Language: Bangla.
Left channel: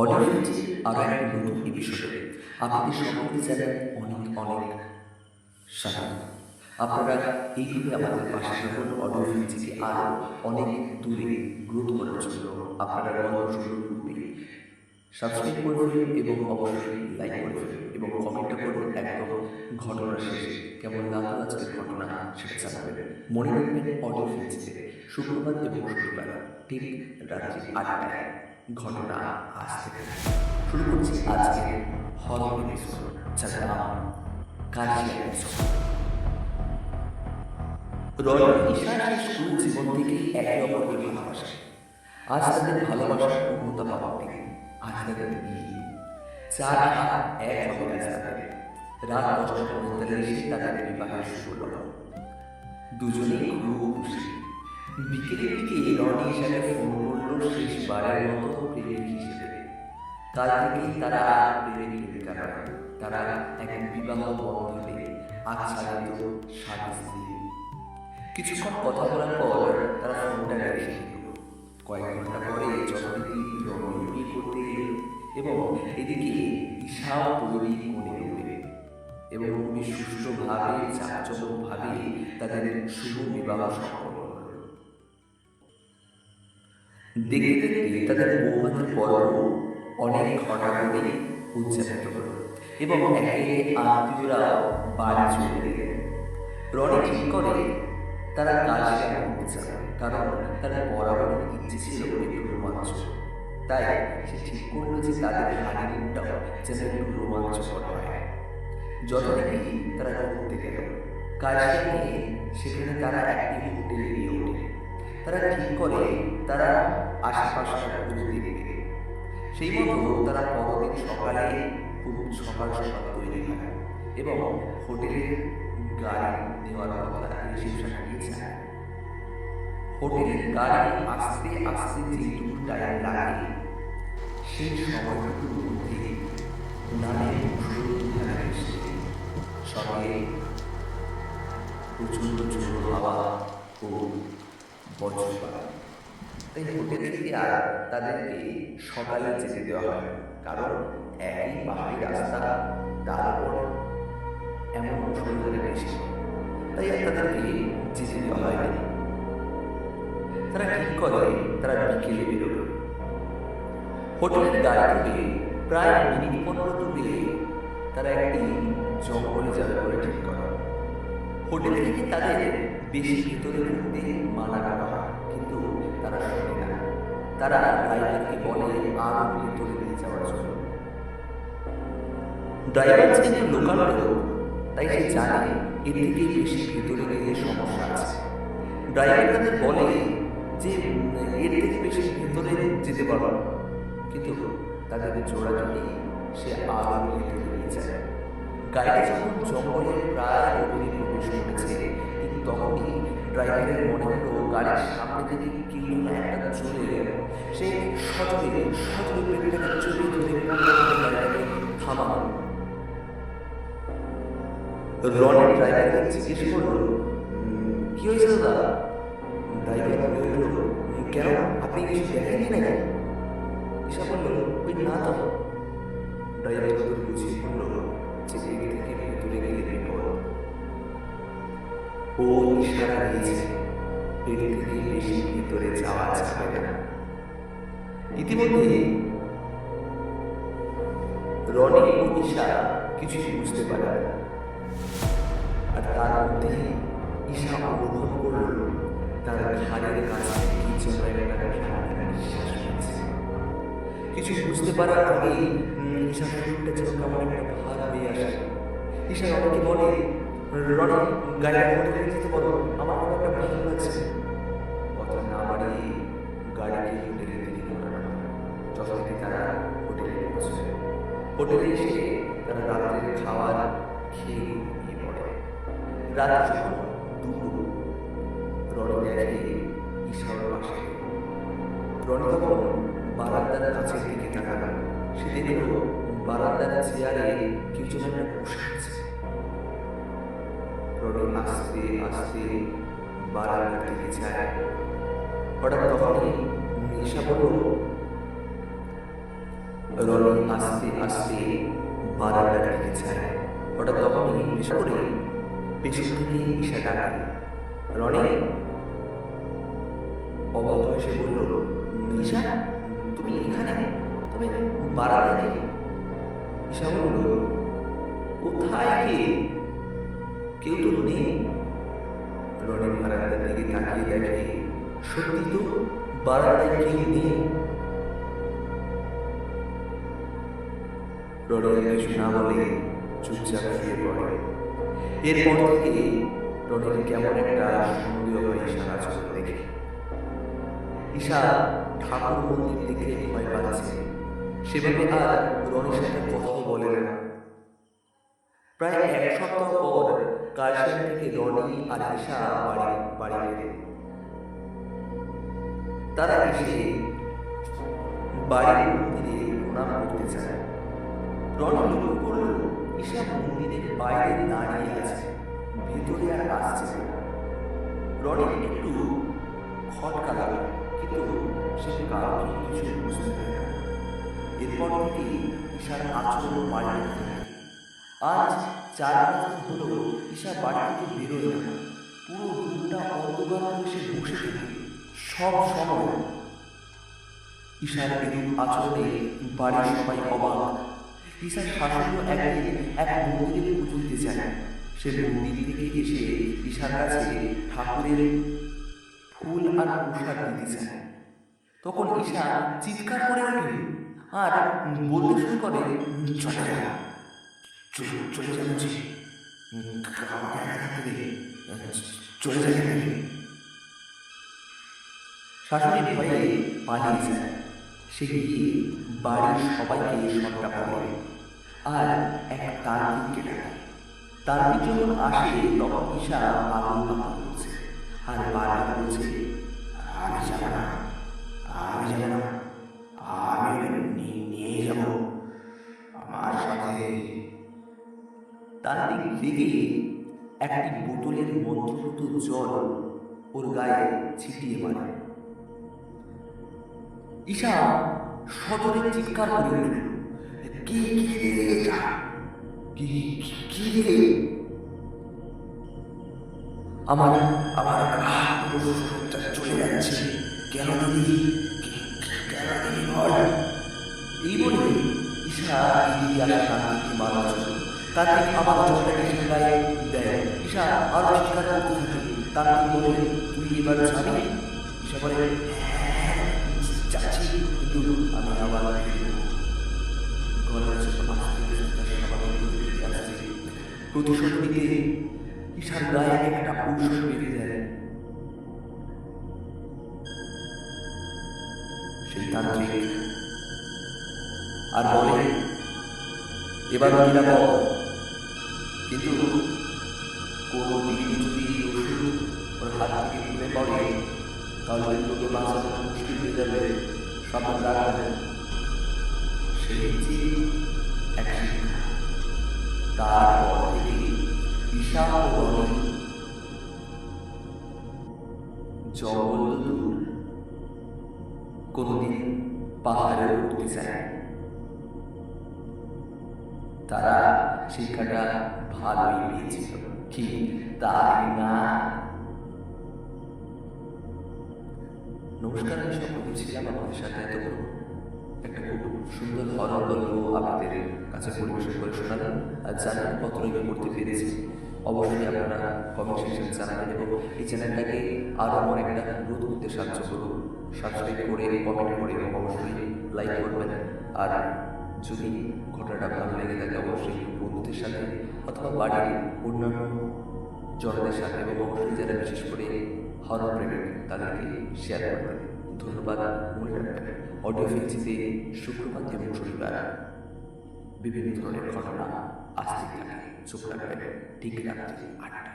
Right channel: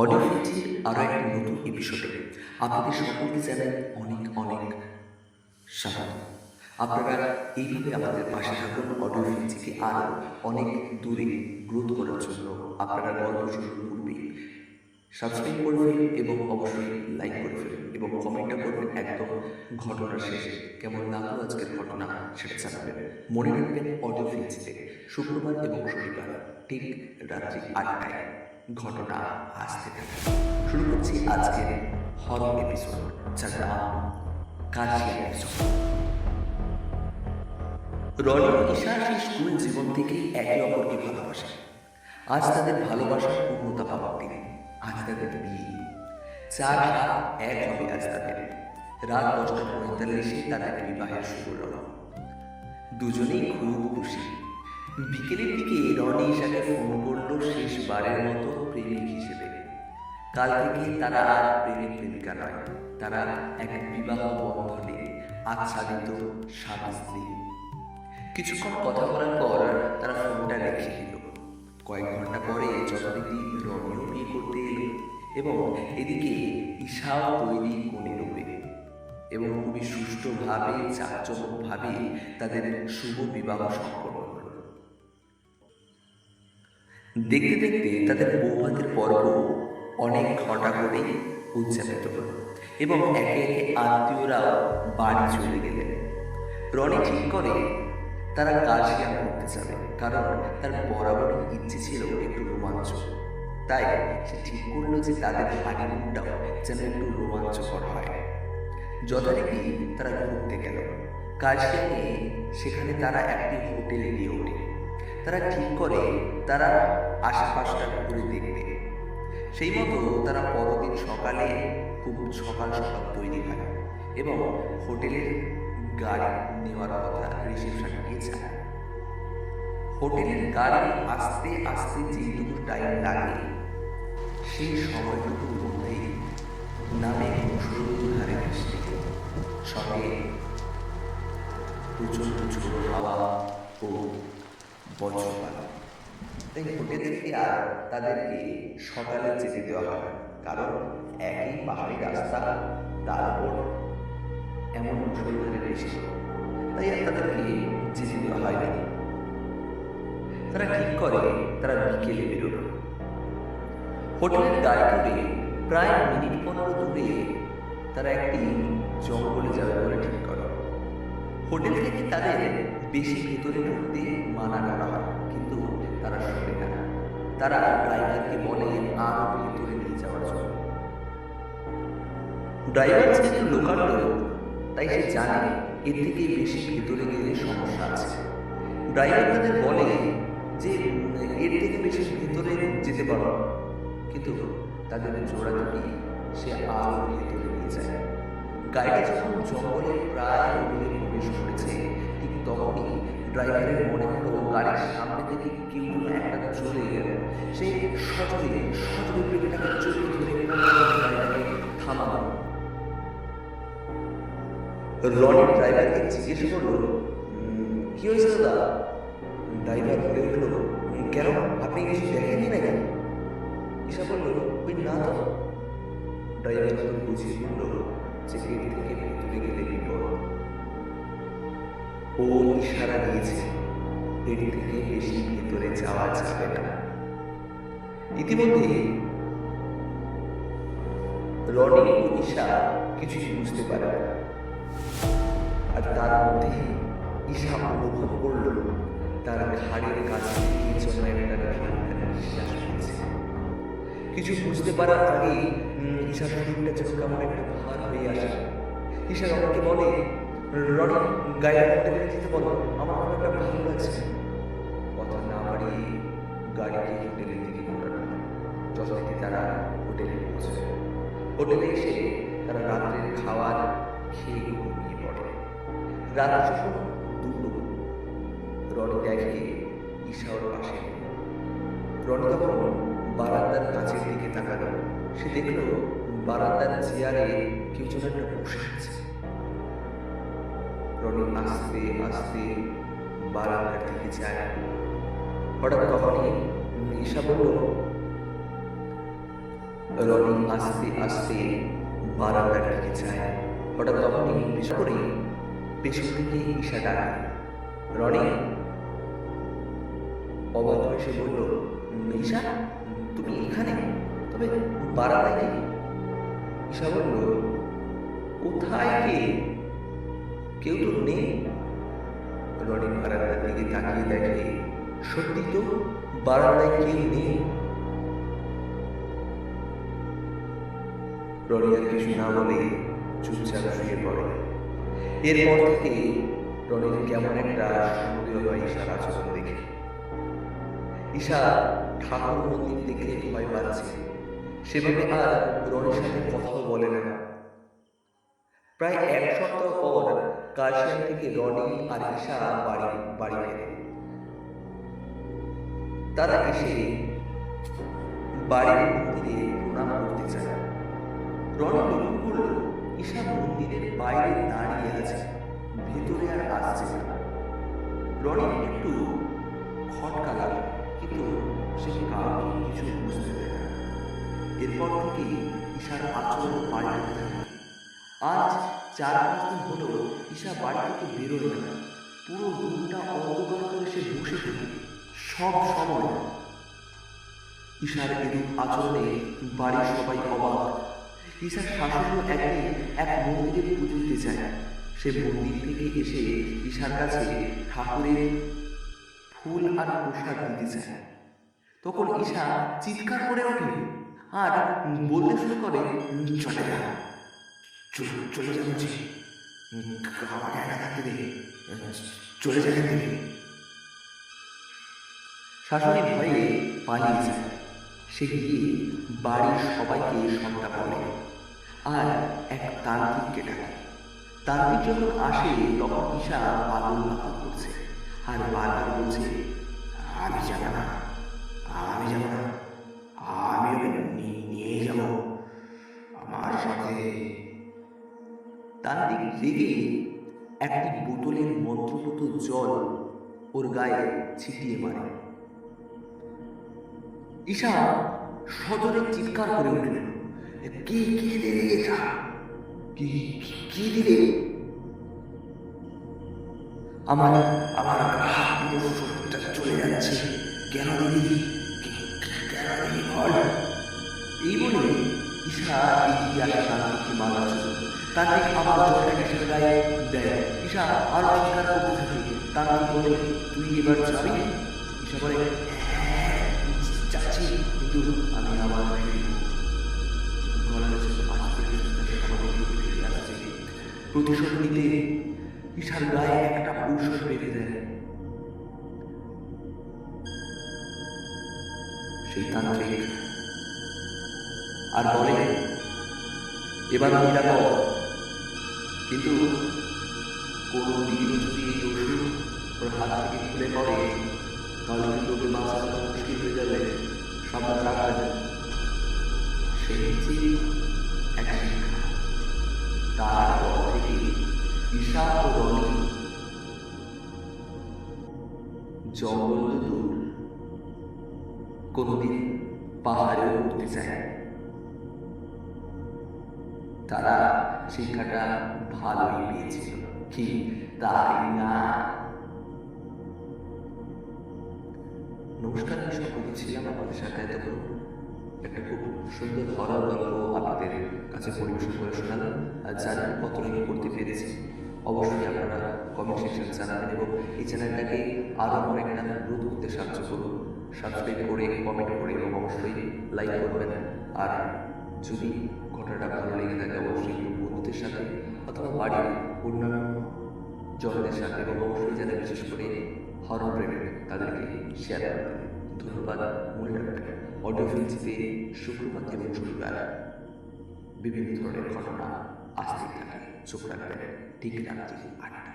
অডিও ফিল্মটির আরও একটি নতুন এপিসোডে আপনাদের সকলকে জানাই অনেক অনেক স্বাগত। আপনারা এইভাবে আমাদের পাশে থাকুন অডিও ফিল্মটিকে আরও অনেক দূরে গ্রোথ করার জন্য। আপনারা গল্প শুরুর পূর্বে সাবস্ক্রাইব করে ফেলুন এবং অবশ্যই লাইক করে ফেলুন এবং কমেন্টটা করবেন একদম ঘটনার শেষে কেমন লাগলো আজকের ঘটনা সেটা জানাবেন। মনে রাখবেন অডিও ফিল্মটিতে শুক্রবার এবং শনিবার ঠিক রাত্রি 8টায় ঘটনা আসতে থাকে। শুরু করছি আজকের হরর এপিসোড, যার নাম কার্শিয়ান এপিসোড। রনি ঈশা সেই স্কুল জীবন থেকেই একে অপরকে ভালোবাসে। আজ তাদের ভালোবাসার পূর্ণতা পাওয়ার দিন। আজ তাদের বিয়ে। 4 হাত এক হবে আজ তাদের। রাত 10:45 তাদের বিবাহের শুভ লগ্ন। দুজনেই খুব খুশি। বিকেলের দিকে রনি ঈশাকে ফোন করলো শেষবারের মতো প্রেমিক হিসেবে। কাল থেকে তারা আর প্রেমিক প্রেমিকা নয়, তারা এক বিবাহ বন্ধনে আচ্ছাদিত স্বামী স্ত্রী। কিছুক্ষণ কথা বলার পর তারা ফোনটা রেখে দিল। কয়েক ঘন্টা পরে যথারীতি রনিও বিয়ে করতে এলো এবং এদিকে ঈশাও তৈরি কোণে রূপে এবং খুবই সুষ্ঠুভাবে চাকচমকভাবে তাদের শুভ বিবাহ সম্পন্ন হল। দেখতে দেখতে তাদের বৌভাতের পর্ব অনেক ঘটা করে উদযাপিত হল এবং একে একে আত্মীয়রাও বাড়ি চলে গেলেন। রনি ঠিক করে তারা কার্শিয়ান করতে যাবে, কারণ তার বরাবরই ইচ্ছে ছিল একটু রোমাঞ্চ। তাই সে ঠিক করলো যে তাদের হানিমুনটাও যেন একটু রোমাঞ্চকর হয়। যথারীতি তারা ঘুরতে গেল কার্শিয়ানে। সেখানে তারা একটি হোটেলে গিয়ে ওঠে। তারা ঠিক করে তারা আশেপাশটা ঘুরে দেখবে। সেই মতো তারা পরদিন সকালে খুব সকাল সকাল তৈরি হয় এবং হোটেলের গাড়ি নেওয়ার কথা রিসেপশনে গিয়ে যায়। হোটেলের গাড়ি আসতে আসতে যেটুকু টাইম লাগে সেই সময়টুকুর মধ্যেই নামে মুষলধারে বৃষ্টি, সঙ্গে প্রচণ্ড ঝোড়ো হাওয়া ও বজ্রপাত। তাই হোটেল থেকে আর তাদেরকে সকালে যেতে দেওয়া হয়, কারণ একই পাহাড়ি রাস্তা, তার উপর এমন মুষলধারে বৃষ্টি, তাই আর তাদেরকে যেতে দেওয়া হয়নি। তারা ঠিক করে তারা বিকেলে বেরোবে। হোটেলের গাড়ি করে প্রায় মিনিট 15 দূরে তারা একটি জঙ্গলে যাবে বলে ঠিক করে। হোটেল থেকে তাদের বেশি ভেতরে ঢুকতে মানা করা হয়, কিন্তু তারা শোনে না। তারা ড্রাইভারকে বলে আরো ভেতরে নিয়ে যাওয়ার জন্য। ড্রাইভার যেহেতু লোকাল লোক, তাই সে জানে এর থেকে বেশি ভেতরে গেলে সমস্যা আছে। ড্রাইভার তাদের বলে যে এর থেকে বেশি ভেতরে যেতে পারো, কিন্তু তাদের জোড়াজুড়ি সে আরো ভেতরে নিয়ে যায়। গাড়িটা যখন জঙ্গলের প্রায় গভীরে প্রবেশ করেছে, ঠিক তখনই ড্রাইভারের মনে হলো গাড়ির সামনে থেকে কেউ যেন একটা চলে গেল। সে সজোরে সজোরে ব্রেকটাকে জড়িয়ে ধরে গাড়িটাকে থামানো। রনি ড্রাইভারকে জিজ্ঞেস করলো, কি হয়েছে দাদা? ড্রাইভার বলে উঠল, কেন, আপনি কিছু দেখেননি নাকি? ঈশা বলল, ওই না তো। ড্রাইভার ওদের বুঝিয়ে বলল যে এর থেকে ভেতরে গেলে বিপদ। ও ইশারা দিয়েছে এর থেকে বেশি ভেতরে যাওয়া যাবে না। ইতিমধ্যে রনি ও ঈশা কিছুই বুঝতে পারে না, আর তার মধ্যে ঈশা অনুভব করল তার ঘাড়ের কাছে কি যেন একটা ঠান্ডা নিঃশ্বাস পেয়েছে। কিছু বুঝতে পারার আগেই ঈশার শরীরটা যেন কেমন একটা ভার হয়ে আসে। ঈশা রনিকে বলে, রনি, গাড়িটা হোটেলে যেতে বলো, আমার খুব একটা ভালো লাগছে। কথা না বাড়িয়ে গাড়িকে হোটেলের দিকে ঘোরানো। যথারীতি তারা হোটেলে পৌঁছে। হোটেলে এসে তারা রাত্রের খাবার খেয়ে ঘুমিয়ে পড়ে। রাত যখন 2, রনি দেখে ঈশা ওর পাশে। রনি তখন বারান্দার কাছের দিকে তাকালো। সে দেখল বারান্দার চেয়ারে কেউ যেন একটা বসে আছে। রনি আস্তে আস্তে বারান্দার দিকে যায়। হঠাৎ তখনই ঈশা বলল, রনি আস্তে আস্তে বারান্দার দিকে যায়। হঠাৎ তখনই বিশেষ করে পেছন থেকে ঈশা ডাকে, রনি। অবাক হয়ে সে বলল, ঈশা, তুমি এখানে? তবে বারান্দায় কি? ঈশা বলল, কোথায় কে? কেউ তো নেই। রনি বারান্দার দিকে তাকিয়ে দেখে, সত্যি তো বারান্দায় কেউ নেই। রনি আর কিছু না বলে চুপচাপ শুয়ে পড়ে। এরপর থেকে রনির কেমন একটা সন্দেহ হয় ঈশার আচরণ দেখে। ঈশা ঠাকুর মন্দির দেখে ভয় পাচ্ছে, সেভাবে আর রনির সাথে কথাও বলে না। প্রায় এক সপ্তাহ পর কার্শিয়াং থেকে রনি আর ঈশা বাড়ি ফেরে। তারা এসে বাড়ির মন্দিরে প্রণাম করতে চায়। রনি লক্ষ্য করল ঈশা মন্দিরের বাইরে দাঁড়িয়ে আছে, ভেতরে আর আসছে না। রনির একটু খটকা লাগে, কিন্তু সে কাউকে কিছু বুঝতে দেয় না। এরপর থেকে ঈশার আচরণ পাল্টে থাকে। আজ 4-5 দিন হলো ঈশা বাড়ি থেকে বেরোয় না। পুরো রুমটা অন্ধকার করে সে বসে থাকে সব সময়। ঈশার এরূপ আচরণে বাড়ির সবাই অবাক। ঈশার শাশুড়িও একদিন এক মন্দিরে পুজো দিতে যায়। সে মন্দির থেকে এসে ঈশার কাছে ঠাকুরের ফুল আর প্রসাদ দিতে চায়। তখন ঈশা চিৎকার করে ওঠে আর বলতে শুরু করে, চলে যা, চলে যা বলছি, আমাকে একা থাকতে দে, চলে যা। শাশুড়ি ভয়ে পালিয়ে যায়। সে গিয়ে বাড়ির সবাইকে সবটা বলে আর এক তান্ত্রিককে ডাকে। তান্ত্রিক যখন আসে তখন ঈশা পাগল করছে আর বারবার বলছে, আমি যাব না, আমি ওকে নিয়ে যাব আমার সাথে। তান্ত্রিক রেগে একটি বোতলের মন্ত্রপুত জল ওর গায়ে ছিটিয়ে মারে। ঈশা সদরে চিৎকার করে উঠল, কি দিলে এটা? কি দিলে? আমার শরীরটা চলে যাচ্ছে, কেন দিলি বল। এই বলে ঈশা এগিয়ে আসে তান্ত্রিককে মারার জন্য। তান্ত্রিক আবার জলটা ঈশার গায়ে দেয়। ঈশা আরো চিৎকার করতে থাকে। তান্ত্রিক বলে, তুই এবার যাবি? ঈশা বলে, যাচ্ছি, কিন্তু আমি আবার ফিরব। গলার ছোট আস্তে আস্তে তার স্বাভাবিক রূপে ফিরে আসছে। প্রতিশোধ নিতে ঈশার গায়ে একটা ঔষধ বেঁধে দেয়। সেই তান্ত্রিক আর বলে, এবার নিরাপদ, কিন্তু কোনো দিন যদি এই ওষুধ ওর হাত থেকে খুলে পড়ে তাহলে কিন্তু ওকে বাঁচানো মুশকিল হয়ে যাবে, সাবধান রাখবেন। সেই যে এক শিক্ষা। তারপর থেকে ঈশা ও রনি জঙ্গল তো দূর, কোনদিন পাহাড়েও উঠতে চায়। তারা শিক্ষাটা ভালোই পেয়েছিল, কি তাই না? নমস্কার, আমি সকলকে ছিলাম আপনাদের সাথে এতক্ষণ একটা খুব সুন্দর হরর গল্প আপনাদের কাছে পরিবেশন করে শোনালাম। আর জানান কতটা কি করতে পেরেছি অবশ্যই আপনারা কমেন্ট সেকশনে জানাবেন, এবং এই চ্যানেলটাকে আরও অনেকটা গ্রোথ করতে সাহায্য করুন। সাবস্ক্রাইব করে, কমেন্ট করে এবং অবশ্যই লাইক করবেন। আর যদি ঘটনাটা ভালো লেগে থাকে অবশ্যই বন্ধুদের সাথে অথবা বাড়ির অন্যান্য জনদের সাথে এবং অবশ্যই যারা বিশেষ করে হরর প্রেমী তাদেরকে শেয়ার করবেন। ধন্যবাদ। মনে রাখবেন, অডিও ফিল্মসিতে শুক্রবার এবং শনিবার বিভিন্ন ধরনের ঘটনা আসতে থাকে। চোখ রাখবেন ঠিক রাত্রি 8টায়।